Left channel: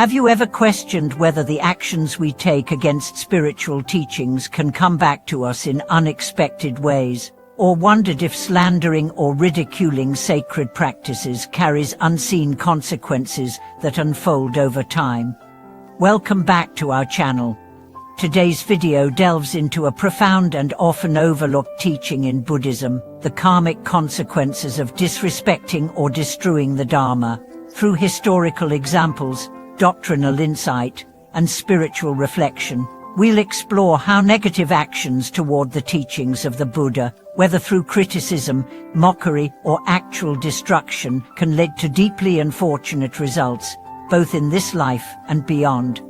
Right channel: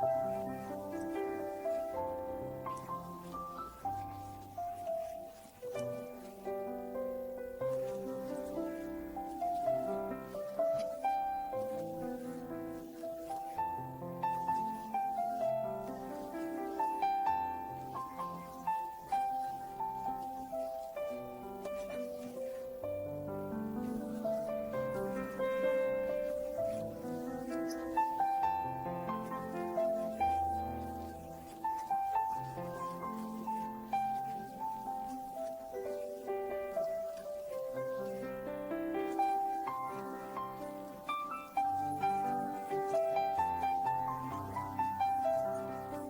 Have you ever questioned whether the actions we take against spiritual teachings can come back to us in unexpected ways, or wondered if slandering or ridiculing sacred practices carries unseen consequences that unfold over time? Welcome back to our channel. Today's video delves into a profound and often overlooked teaching in Buddhism, the karmic consequences of disrespecting or destroying the Dharma. Through historical examples, doctrinal insight, and spiritual reflection, we'll explore how negative actions toward the teachings of the Buddha, whether through criticism, mockery, or actual destruction, can lead to deeply unfortunate results, both in this life and beyond.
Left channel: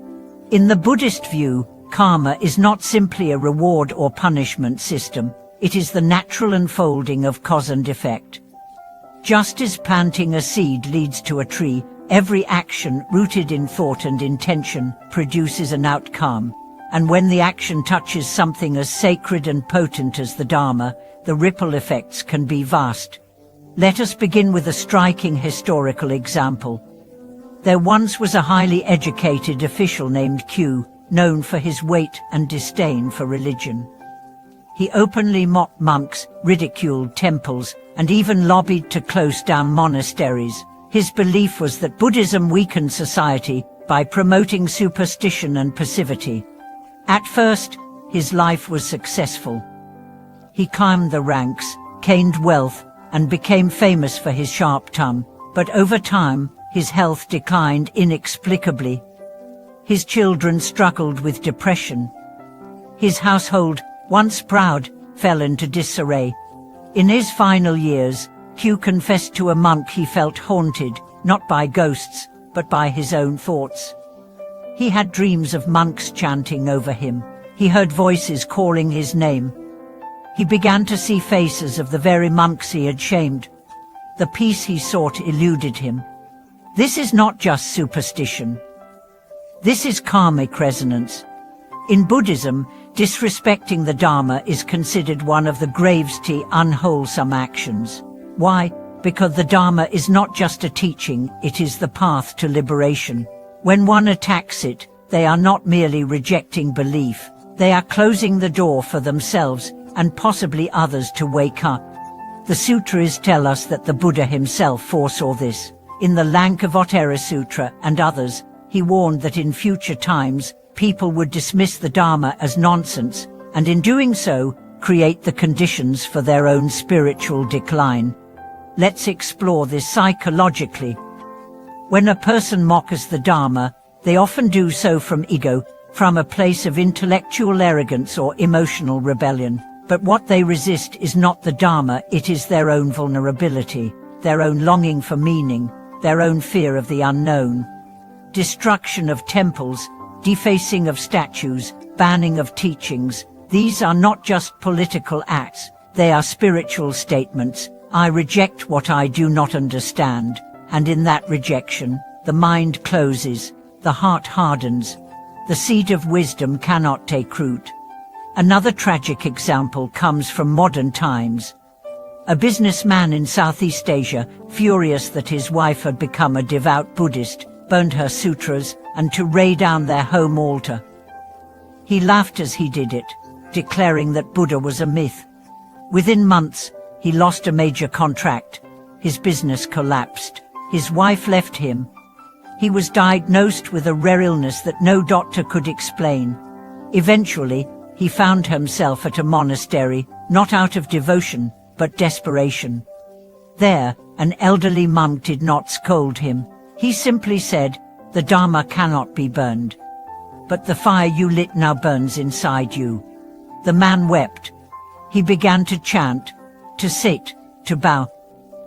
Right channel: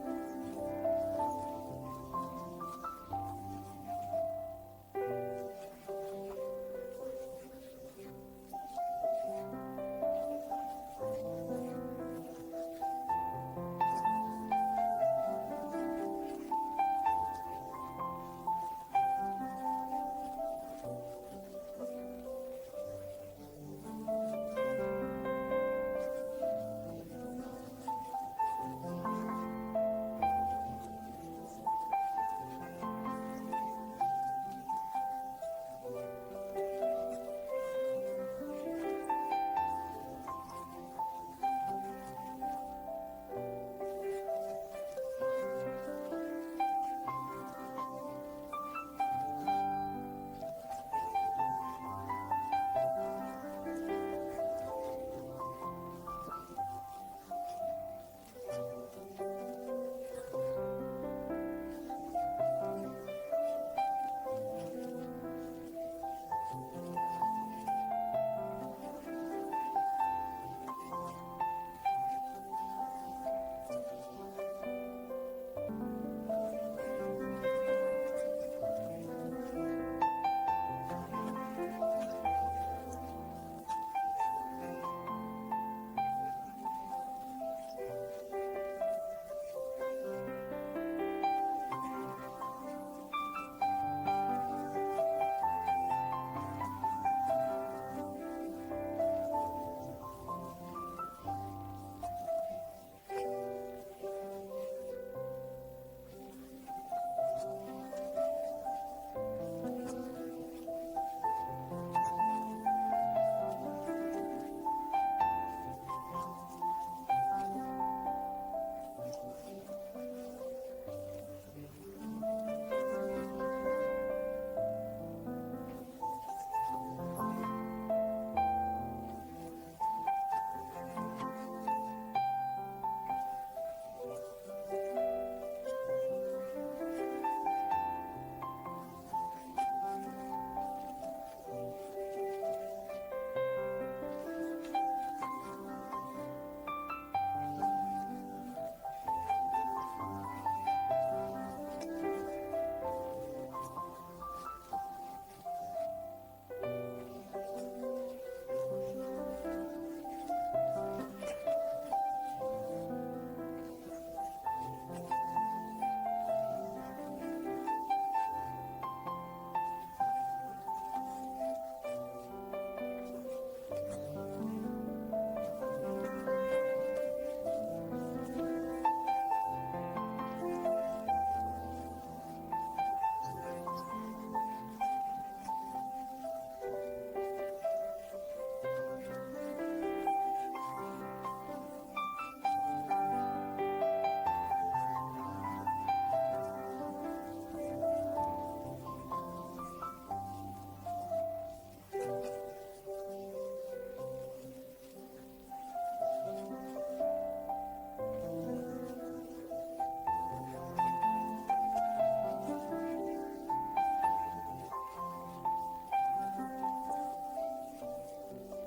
In the Buddhist view, karma is not simply a reward or punishment system, it is the natural unfolding of cause and effect. Just as planting a seed leads to a tree, every action rooted in thought and intention produces an outcome. And when the action touches something as sacred and potent as the Dharma, the ripple effects can be vast. Let us begin with a striking historical example. There once was a highly educated official named Q, known for his weight and disdain for religion. He openly mocked monks, ridiculed temples, and even lobbied to close down monasteries. His belief was that Buddhism weakened society by promoting superstition and passivity. At first, his life was successful. He climbed the ranks, gained wealth, and became famous for his sharp tongue. But over time, his health declined inexplicably. His children struggled with depression. His household, once proud, fell into disarray. In his final years, Q confessed to a monk he felt haunted, not by ghosts, but by his own thoughts. He had dreams of monks chanting over him. He heard voices calling his name. He began to see faces of the very monks he had shamed. The peace he sought eluded him. This is not just superstition. This is karmic resonance. In Buddhism, disrespecting the Dharma is considered one of the gravely unwholesome actions. Why? Because the Dharma is not just a teaching, it is the path to liberation. When one attacks it, they are not merely rejecting belief, they are closing the door for themselves and possibly others to wake up. The sutras tell us that the Buddha himself foresaw this. In the Lankavatara Sutra and others, he warned that in future times, people would dismiss the Dharma as nonsense, and in doing so, create the conditions for their own spiritual decline. Let's explore this psychologically. When a person mocks the Dharma, they often do so from ego, from a place of intellectual arrogance or emotional rebellion. But what they resist is not the Dharma, it is their own vulnerability, their own longing for meaning, their own fear of the unknown. Destruction of temples, defacing of statues, banning of teachings, these are not just political acts, they are spiritual statements. I reject what I do not understand, and in that rejection, the mind closes, the heart hardens. The seed of wisdom cannot take root. Another tragic example comes from modern times. A businessman in Southeast Asia, furious that his wife had become a devout Buddhist, burned her sutras and to lay down their home altar. He laughed as he did it, declaring that Buddha was a myth. Within months, he lost a major contract. His business collapsed. His wife left him. He was diagnosed with a rare illness that no doctor could explain. Eventually, he found himself at a monastery, not out of devotion, but desperation. There, an elderly monk did not scold him. He simply said, "The Dharma cannot be burned. But the fire you lit now burns inside you." The man wept. He began to chant, to sit, to bow.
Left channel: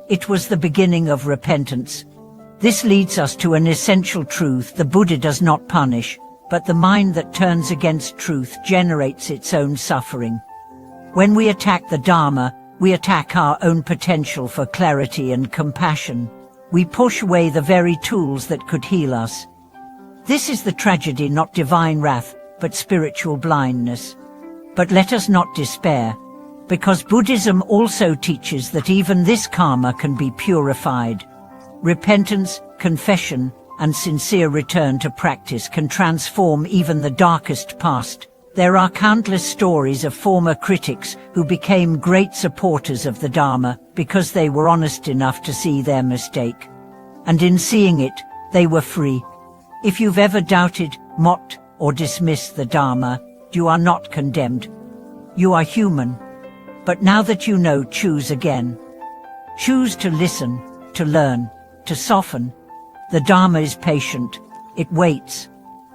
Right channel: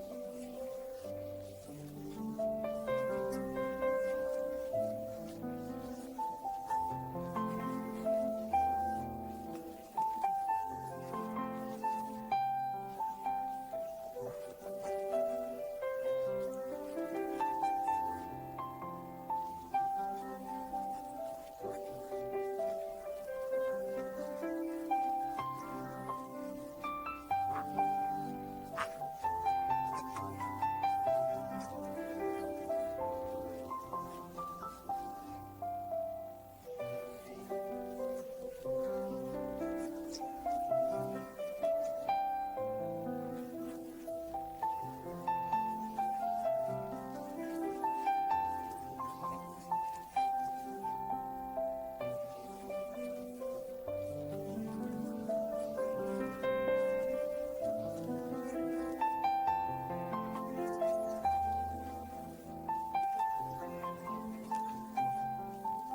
It was the beginning of repentance. This leads us to an essential truth: the Buddha does not punish, but the mind that turns against truth generates its own suffering. When we attack the Dharma, we attack our own potential for clarity and compassion. We push away the very tools that could heal us. This is the tragedy, not divine wrath, but spiritual blindness. But let us not despair, because Buddhism also teaches that even this karma can be purified. Repentance, confession, and sincere return to practice can transform even the darkest past. There are countless stories of former critics who became great supporters of the Dharma because they were honest enough to see their mistake. And in seeing it, they were free. If you've ever doubted, mocked, or dismissed the Dharma, you are not condemned. You are human. But now that you know, choose again. Choose to listen, to learn, to soften. The Dharma is patient. It waits.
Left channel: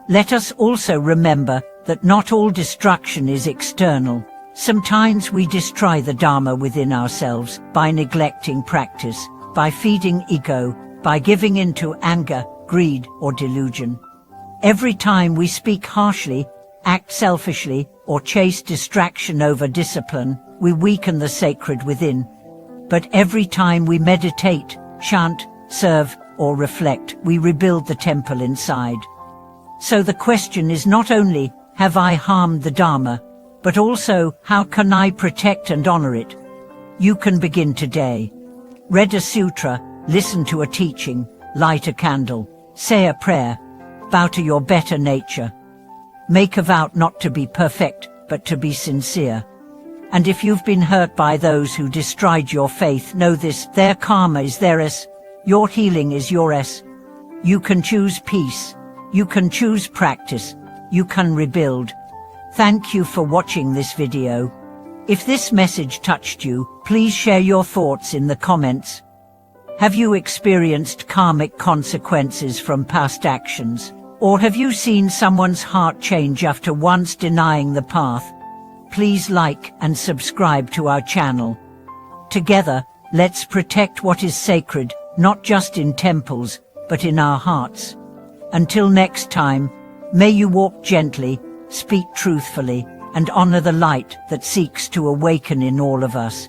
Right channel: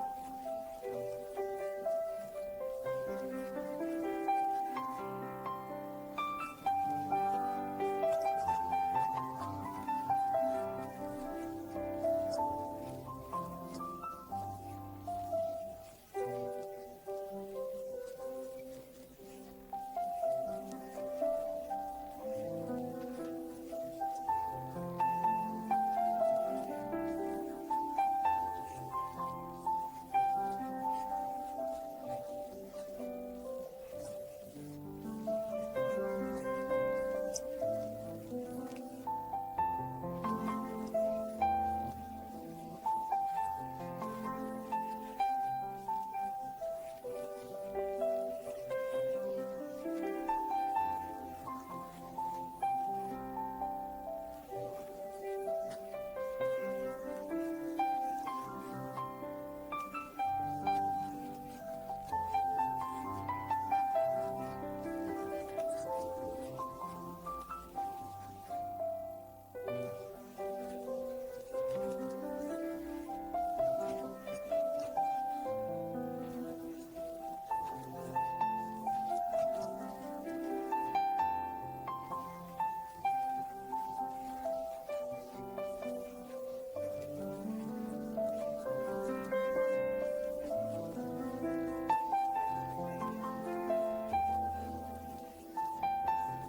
Let us also remember that not all destruction is external. Sometimes we destroy the Dharma within ourselves by neglecting practice, by feeding ego, by giving in to anger, greed, or delusion. Every time we speak harshly, act selfishly, or chase distraction over discipline, we weaken the sacred within. But every time we meditate, chant, serve, or reflect, we rebuild the temple inside. So the question is not only, have I harmed the Dharma, but also, how can I protect and honor it? You can begin today. Read a sutra, listen to a teaching, light a candle, say a prayer, bow to your better nature. Make a vow not to be perfect, but to be sincere. And if you've been hurt by those who destroyed your faith, know this: their karma is theirs, your healing is yours. You can choose peace, you can choose practice, you can rebuild. Thank you for watching this video. If this message touched you, please share your thoughts in the comments. Have you experienced karmic consequences from past actions? Or have you seen someone's heart change after once denying the path? Please like and subscribe to our channel. Together, let's protect what is sacred, not just in temples, but in our hearts. Until next time, may you walk gently, speak truthfully, and honor the light that seeks to awaken in all of us.